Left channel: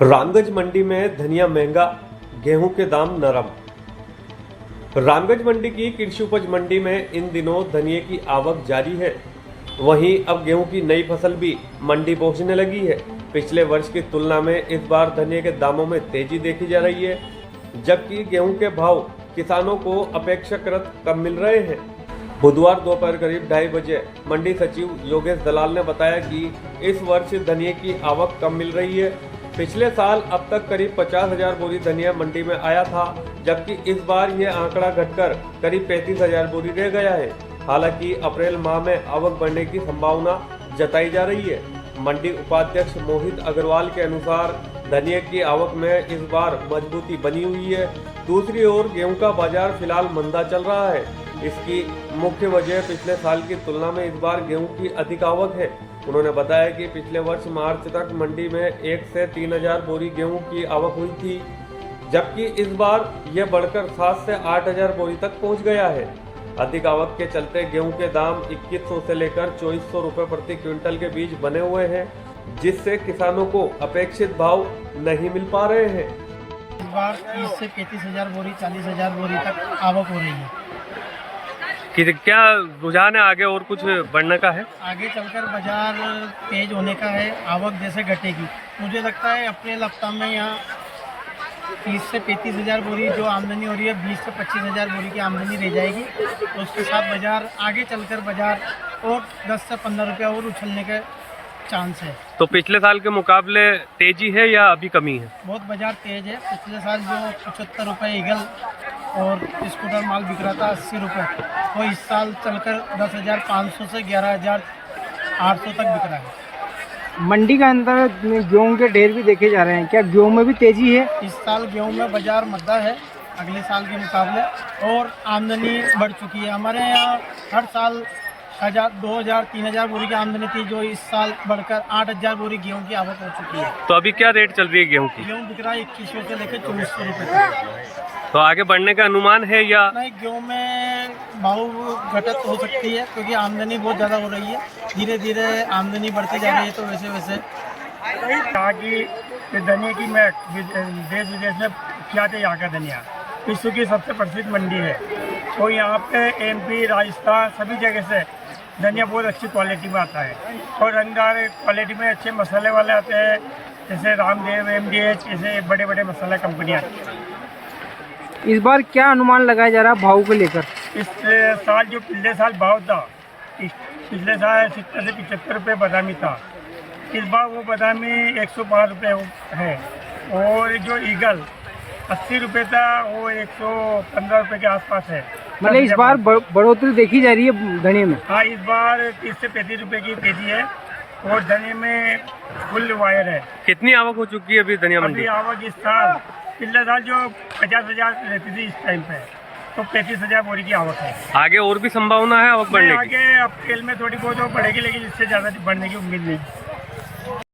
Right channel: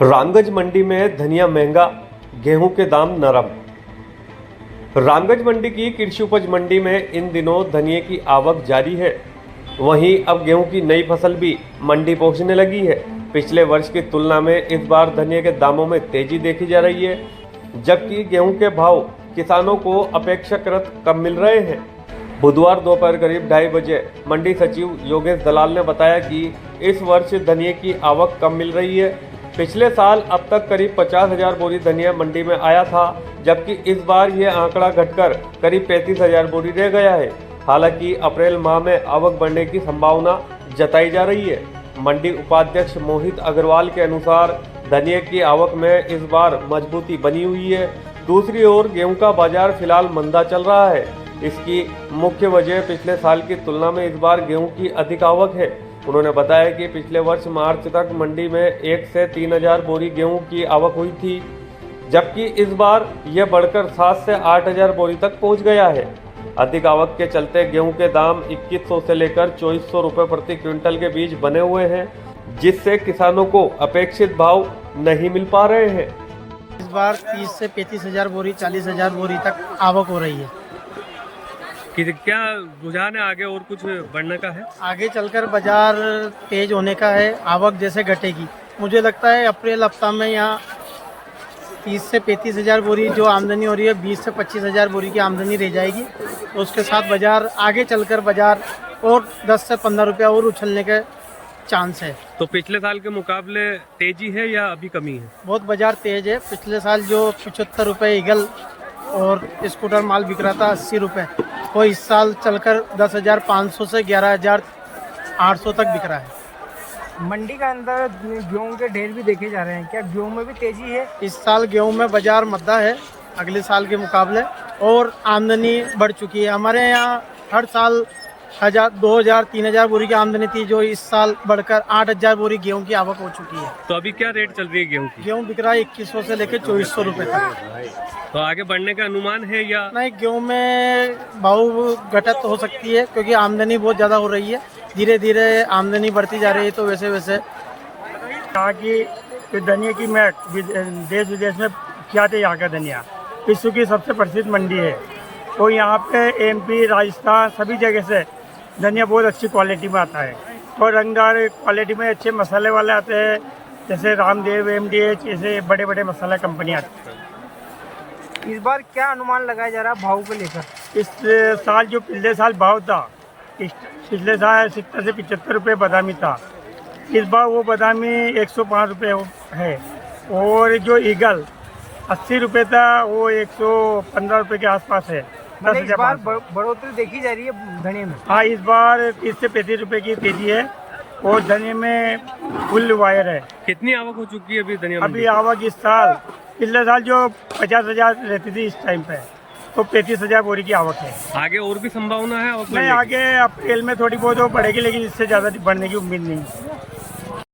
रामगंज मंडी में धनिया महंगा, गेहूं के दाम नरम। रामगंज मंडी की कृषि उपज मंडी में इन दिनों धनिये की आवक जारी है। वहीं अब गेहूं की नई फसल भी मंडी पहुंचने लगी है। पिछले वर्ष की तुलना में इस बार धनिये के दामों में तेजी देखी जा रही है, जबकि गेहूं के भाव किसानों को अपेक्षाकृत कम मिल रहे हैं। बुधवार दोपहर करीब 2:30 बजे मंडी सचिव योगेश दलाल ने बताया कि इस वर्ष धनिये की आवक कम मिल रही है। पिछले साल अब तक करीब 50,000 बोरी धनिया मंडी में आया था, जबकि इस बार यह आंकड़ा घटकर करीब 35,000 बोरी रह गया है। हालांकि अप्रैल माह में आवक बढ़ने की संभावना जताई जा रही है। मंडी उपाध्यक्ष मोहित अग्रवाल के अनुसार धनिया की आवक में इस बार मजबूती बनी हुई है। दूसरी ओर गेहूं का बाजार फिलहाल मंदा चल रहा है। इसकी मुख्य वजह पिछले साल की तुलना में इस बार गेहूं की अधिक आवक है। उन्होंने बताया कि पिछले वर्ष मार्च तक मंडी में 1 से 3,000 बोरी गेहूं की आवक हुई थी, जबकि इस बार यह बढ़कर 7 से 8,000 बोरी तक पहुंच गया है। अधिक आवक के चलते गेहूं के दाम 2100 से लेकर 2400 रुपए प्रति क्विंटल के बीच बने हुए हैं, जिससे किसानों को अपेक्षित भाव नहीं मिल पा रहे हैं। इस बार 30 से 35,000 बोरी 40,000 बोरी तक आवक हो रही है। कि क्या रुझान है आगे और कुछ बढ़ने का है? आगे चलकर बाजार तेज होने का है, आवक जैसे घटेगी। मुझे लगता है अप्रैल हफ्ता में यहाँ 30 से 35,000 बोरी जो आमदनी हो रही है, 20 से 25,000 बोरी की आमदनी रह जाएगी। तो उसके साथ बाजार आगे चलकर बाजार और 10 से 15 रुपया और उछलने के चांस है। तो पिछले साल के मुकाबले तेजी है या अभी कमी है? बहुत बाजार तेज है। पिछले साल जो 75 रुपये ईगल और स्कूटर माल बिक रहा था 80 रुपये, वो इस साल चलकर 10,500 से 11,800 तक बिक रहा है। मंडी का अंदर गेहूं के ढेर भी देखे जा रहे हैं, क्या गेहूं में भी तेजी है? इस साल गेहूं में बाजार मद्दा है अगले साल के मुकाबले, और आमदनी बढ़ चुकी है। हमारे यहाँ हर साल 1,000, 2,000, 3,000 बोरी की आमदनी थी, जो इस साल बढ़कर 8,000 बोरी गेहूं की आवक हो चुकी है। तो अभी क्या रेट चल रही है गेहूं की? गेहूं बिक रहा है 2100 से लेकर 2400 रुपये तक। तो आगे बढ़ने का अनुमान है या नहीं? गेहूं में भाव घटत हो सकती है, क्योंकि आमदनी बहुत ज़्यादा हो रही है। धीरे धीरे आमदनी बढ़ती जा रही है, तो वैसे वैसे कहा कि धनिया की मैं देश विदेश में क्या थे यहाँ का धनिया विश्व की सबसे प्रसिद्ध मंडी है। तो यहाँ पे MP, राजस्थान सभी जगह से धनिया बहुत अच्छी क्वालिटी में आता है, और रंगदार क्वालिटी में अच्छे मसाले वाले आते हैं, जैसे रामदेव, MDH, ऐसे बड़े बड़े मसाला कंपनी आती है। इस बार क्या अनुमान लगाया जा रहा है भाव को लेकर? इस साल जो पिछले साल भाव था, पिछले साल 70 से 75 रुपये बादामी था। इस बार वो बादामी 105 रुपये है, और जो ईगल 80 रुपये था वो 115 रुपये के आसपास है। मतलब इस बार बढ़ोतरी देखी जा रही है धनिया में? हाँ, इस बार 30 से 35 रुपये की तेजी है, और धनिया में फुल वायर है। कितनी आवक हो चुकी है अभी धनिया मंडी? अभी आवक इस साल, पिछले साल जो 50,000 रहती थी, इस टाइम पे तो 35,000 बोरी की आवक है। आगे और भी संभावना है आवक बढ़ने की? आगे अप्रैल में थोड़ी बहुत बढ़ेगी, लेकिन इससे ज़्यादा बढ़ने की उम्मीद नहीं है।